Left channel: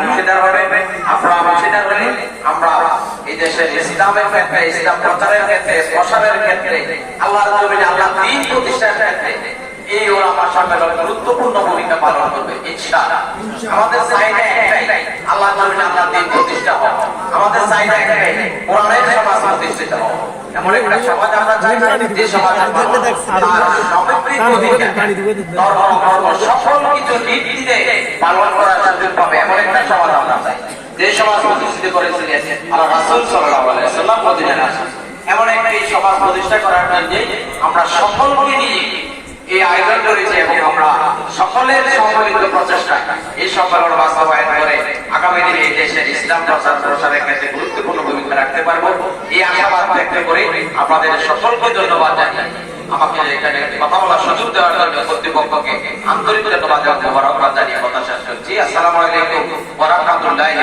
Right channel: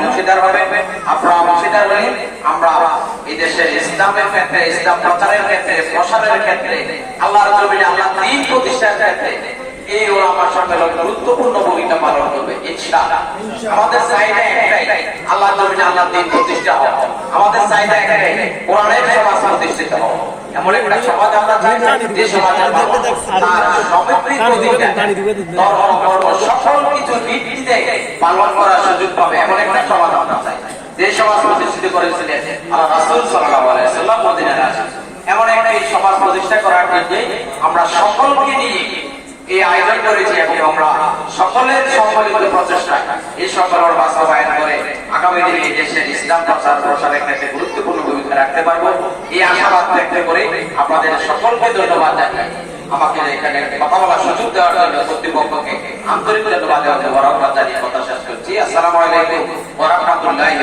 অংশীদার হবে। আপনারা অংশীদার হলে আমরা এই দেশের ইসলামের ক্ষেত্রে, ইসলাম প্রচারের ক্ষেত্রে, প্রসারের ক্ষেত্রে, আল্লাহর জমিনে আল্লাহ দ্বীন প্রতিষ্ঠার ক্ষেত্রে এই ওলামা সম্মেলন গুরুত্বপূর্ণ ভূমিকা পালন করবে ইনশাআল্লাহ। আমাদের চাহিদা একটাই, আল্লাহর জমিনে আল্লাহ দ্বীন প্রতিষ্ঠা হোক। আমাদের চাহিদা একটাই, কোরআনের সমাজ প্রতিষ্ঠিত হোক। এমন একটা সমাজ আমরা চাই যে সমাজ সকল কিছু নীতিতে পালন করার সুযোগ পাবে, এমন একটা সমাজ আমরা চাই। যে সমাজ প্রতিষ্ঠিত করেছিলেন আল্লাহ রাসূল সাল্লাল্লাহু আলাইহি ওয়াসাল্লাম মদিনায় আসেন, এমন একটা এই সমাজ প্রতিষ্ঠা করার জন্য আমরা সকলকে নিয়ে এই আয়োজন করেছি এবং আমরা সকলের সম্মিলিত প্রচেষ্টা এই সম্মেলন বাস্তবায়ন করে আগামী দিনে এই দেশের ইসলাম প্রচার প্রসারের ক্ষেত্রে গুরুত্বপূর্ণ ভূমিকা রাখতে পারবো, এই আশাবাদ ব্যক্ত করে আপনাদের সকলকে ধন্যবাদ জানাই। আমাকে এখানে কথা বলার সুযোগ দেওয়ার জন্য কর্তৃপক্ষকে আন্তরিক ধন্যবাদ জানিয়ে কথা শেষ করছি। আসসালামু আলাইকুম ওয়া রাহমাতুল্লাহি